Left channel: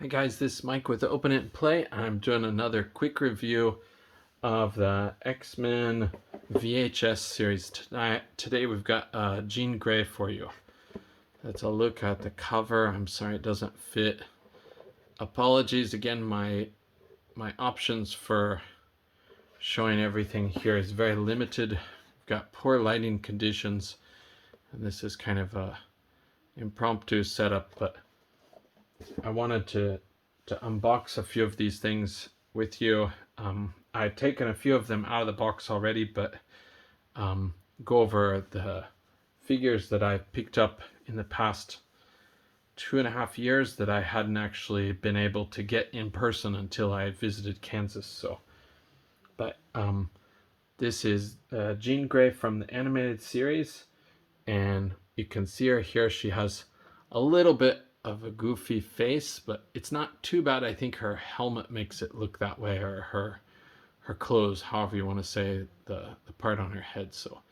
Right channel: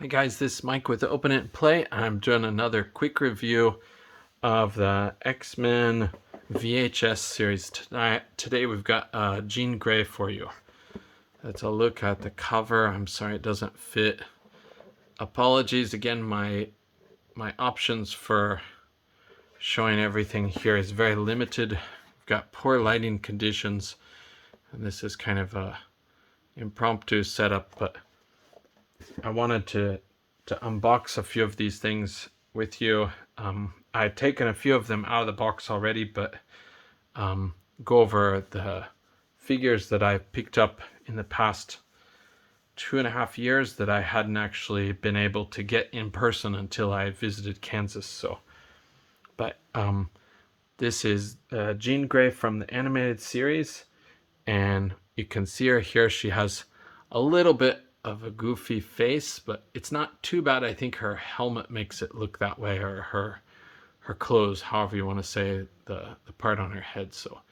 Hi guys, this is Mike with Open It and Play. I'm doing another quick review of the X-Men VHS series. Today we've got Jean Grey for you. Let's a look at the cover. I'm sorry it doesn't fit. Apologies again, my options for showing everything here is very limited. We've got poor lighting conditions, and this is kind of a impromptu setup, but I wanted to unbox a few of these things with you. I've taken a few of them out of the box already, but go over the figures that I've picked up in the past 2.5 years that I hadn't actually been able to get in person until I visited Kansas. But this is Jean Grey from the animated series, and you can see her here. She has a little bit of a goofy face, but it's not too bad. I think her helmet makes it look that way, or her clothes, however you want to say the part on her head. So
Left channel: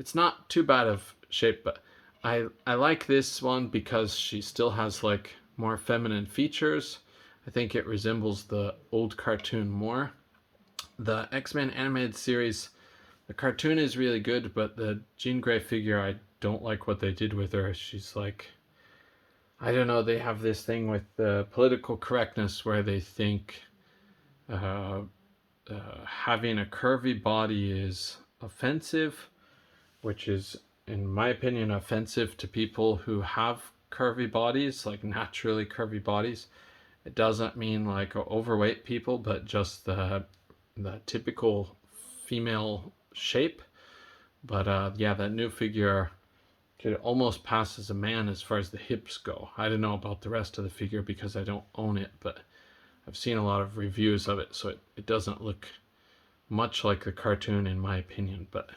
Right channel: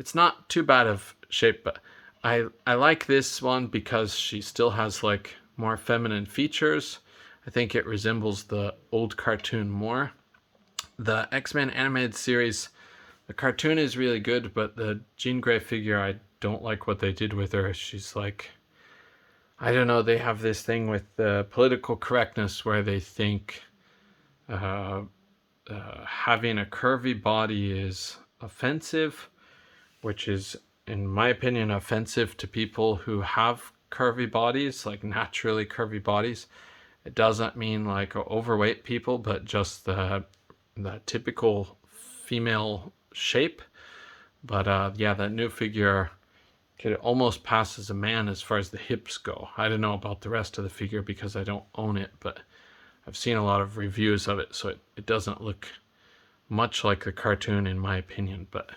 it's not too bad of shape, but I like this one because she still has like more feminine features. I think it resembles the old cartoon more. The X-Men animated series, the cartoon is really good, but the Jean Grey figure, I don't like what they did with her. She's like, I don't know, they have this thing with the political correctness where they think having a curvy body is offensive, which is, in my opinion, offensive to people who have curvy bodies, like naturally curvy bodies. It doesn't mean like overweight people, but just the typical female shape. But yeah, that new figure could almost pass as a man as far as the hips go. I don't know about the rest of the figure because I don't own it, but I've seen a lot of reviews of it, so it doesn't look much like the cartoon in my opinion. But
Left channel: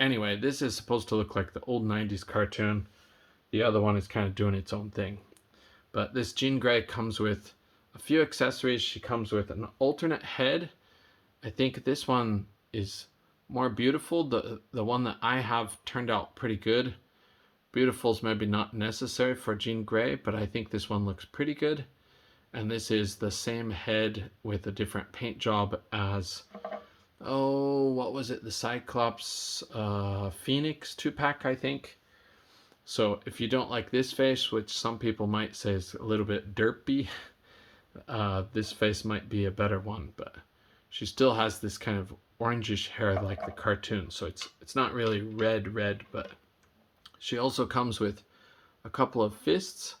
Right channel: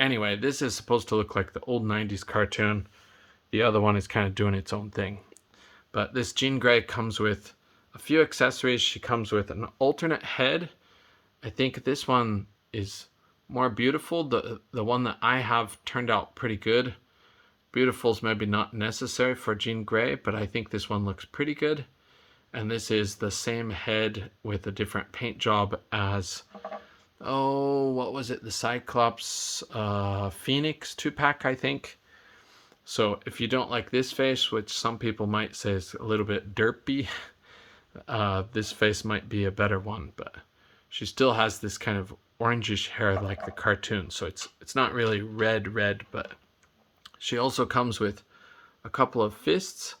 anyway, this is supposed to look like the old 90s cartoon. The other one is kind of doing its own thing. But this Jean Grey comes with a few accessories. She comes with an alternate head. I think this one is more beautiful. The one that I have turned out pretty good. Beautiful's maybe not necessary for Jean Grey, but I think this one looks pretty good. And this is the same head with a different paint job as, oh, what was it? The Cyclops Phoenix 2-pack, I think. So if you don't like this face, which some people might say is a little bit derpy, this face might be a better one. But she still has this kind of orangish hair like the cartoon, so it's not really red, but she also comes with a couple of fists.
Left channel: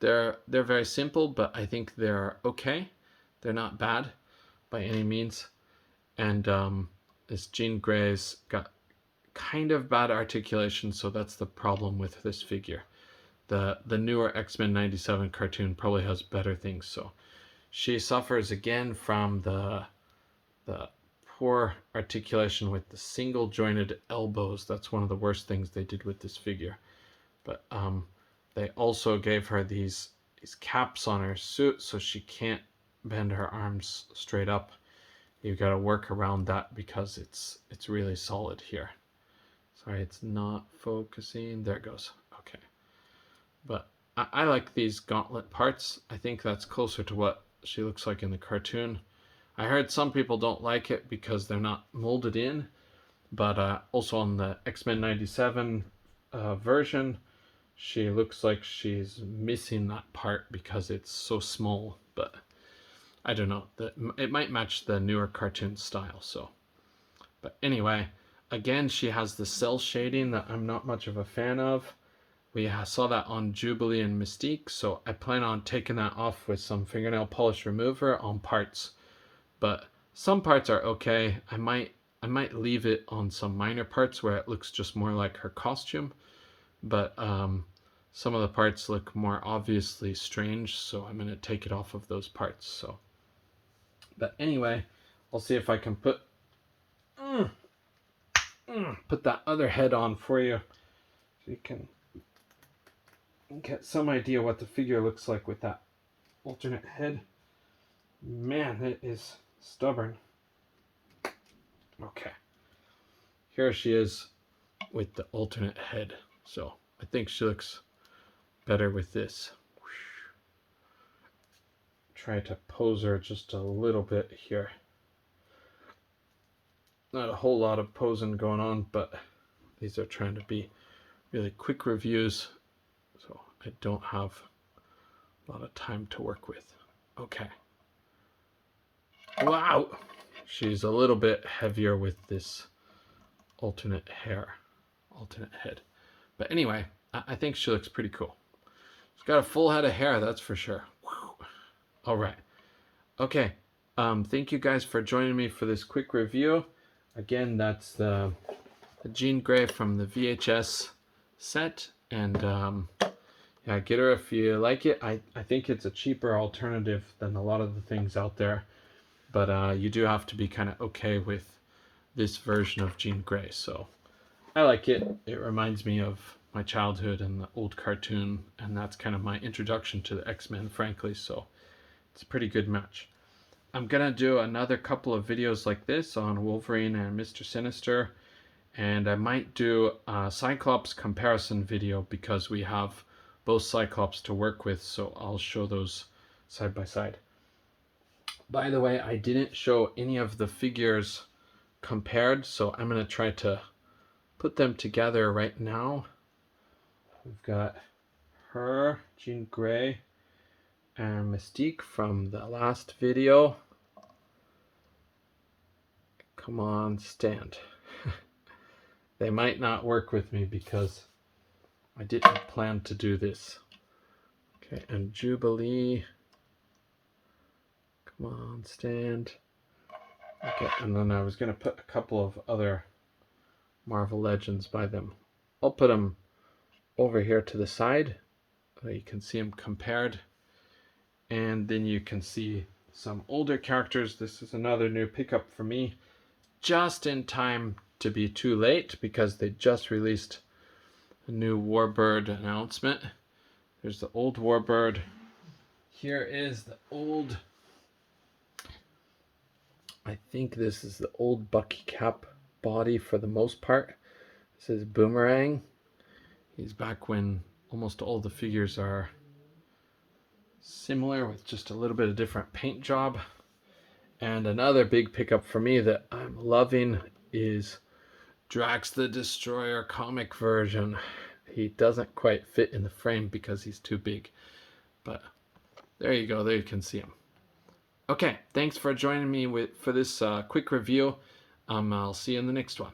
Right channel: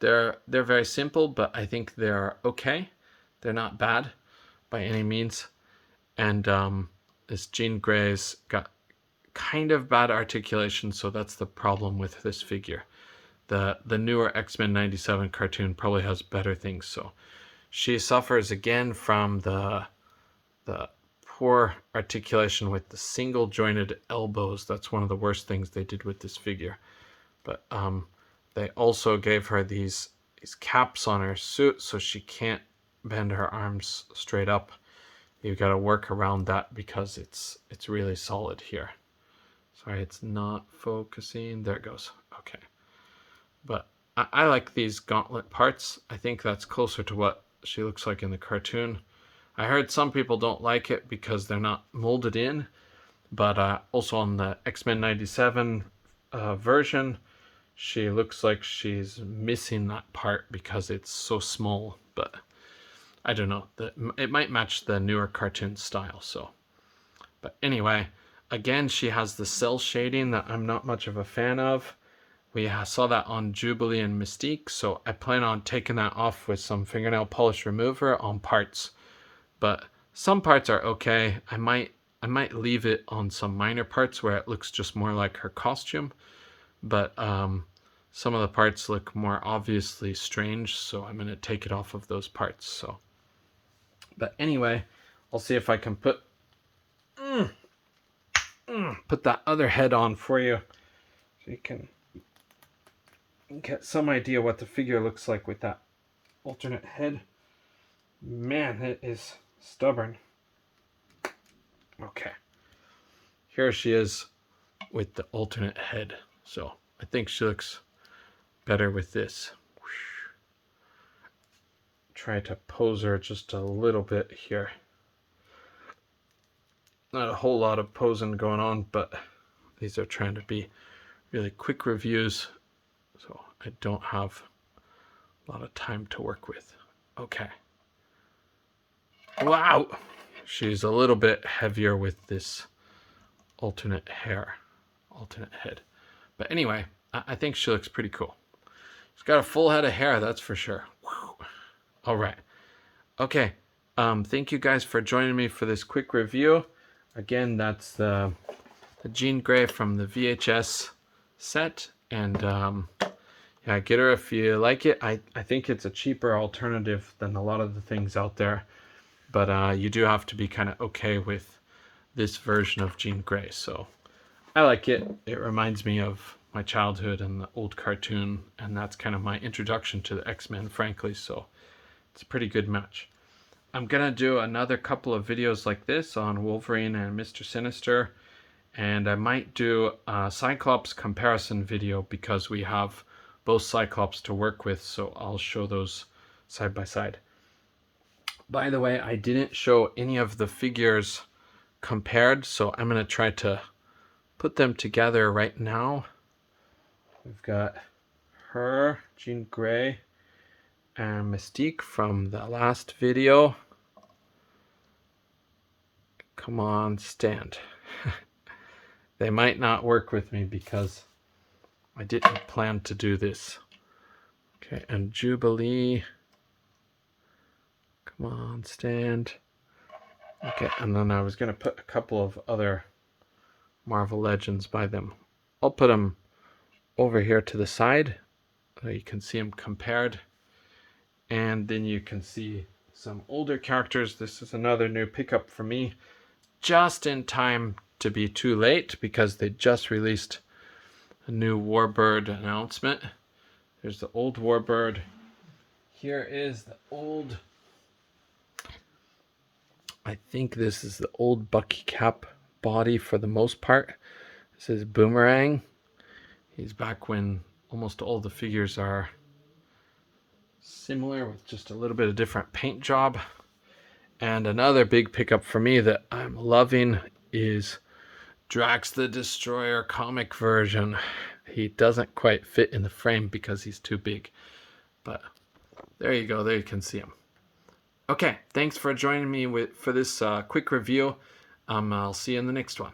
They're very simple, but I think they're okay. They're not bad by any means. And this Jean Grey's got kind of bad articulation, so that's the problem with this figure. The newer X-Men 97 cartoon probably has better things. So she suffers again from the poor articulation with the single jointed elbows. That's one of the worst things they did with this figure. But they also gave her these caps on her suit so she can't bend her arms straight up. You've got to work around that because it's really solid here. Sorry, it's not focusing. There it goes. Okay. But I like these gauntlet parts. I think that's closer to what she looks like in the cartoon. I heard some people don't like it because they're not molded in, but also on the X-Men 97 version, she looks like she's missing that part because it's so small. But I don't know, it might match the newer cartoon style. So, but anyway, again, she has the cell shading that I'm not much of a fan of. We saw that on Jubilee and Mystique, so I plan on taking that off with some fingernail polish remover on parts. But some parts are okay. I might leave it on some minor parts where it looks just more like her costume. But some of the parts look more obviously strange, so I'm going to take it off of those parts. So, but anyway, I'll see if I can put that other head on for you so you can get some idea what the figure looks like with that alternate head. Man, it is stubborn. Okay, here she is with the alternate head. So I think she looks better with this. try to pose her just a little bit here. Not a whole lot of posing going on, but these are trying to be really quick reviews, so I don't have a lot of time to work with. Okay. Wow! She's a little bit heavier with this alternate head. But anyway, I think she looks pretty cool. She's got a full head of hair, that's for sure. Whew. All right. Okay. Thank you guys for joining me for this quick review. Again, that's the Jean Grey from the VHS set. And yeah, get her if you like it. I think it's a cheaper alternative than a lot of the things out there. But you do have to be kind of okay with this version of Jean Grey. So I like it. It reminds me of my childhood and the old cartoon. And that's kind of my introduction to the X-Men, frankly. So it's a pretty good match. I'm going to do another couple of videos like this on Wolverine and Mr. Sinister. And I might do a Cyclops comparison video because we have both Cyclops to work with. So I'll show those side by side. By the way, I didn't show any of the figures compared. So I'm going to try to put them together right now. We've got her, Jean Grey, and Mystique from the last video. Come on, stand. They might not work with me because I didn't plan to do this. Okay, and Jubilee. Come on, stand. Okay, and then I was going to put a couple of other Marvel Legends by them. I'll put them over here to the side so you can see them compared. And then you can see some older characters. This is another new pickup for me. Just in time to be too late because they just released a new Warbird announcement. There's the old Warbird. Here is the old... I think this is the old Bucky Cap body for the most part. This is Boomerang. He's back when almost all the figures are similar with just a little bit of different paint job. And another big pickup for me that I'm loving is Drax the Destroyer comic version. He doesn't quite fit in the frame because he's too big. But there you go. There you can see him. Okay, thanks for joining me for this quick review. I'll see you in the next one.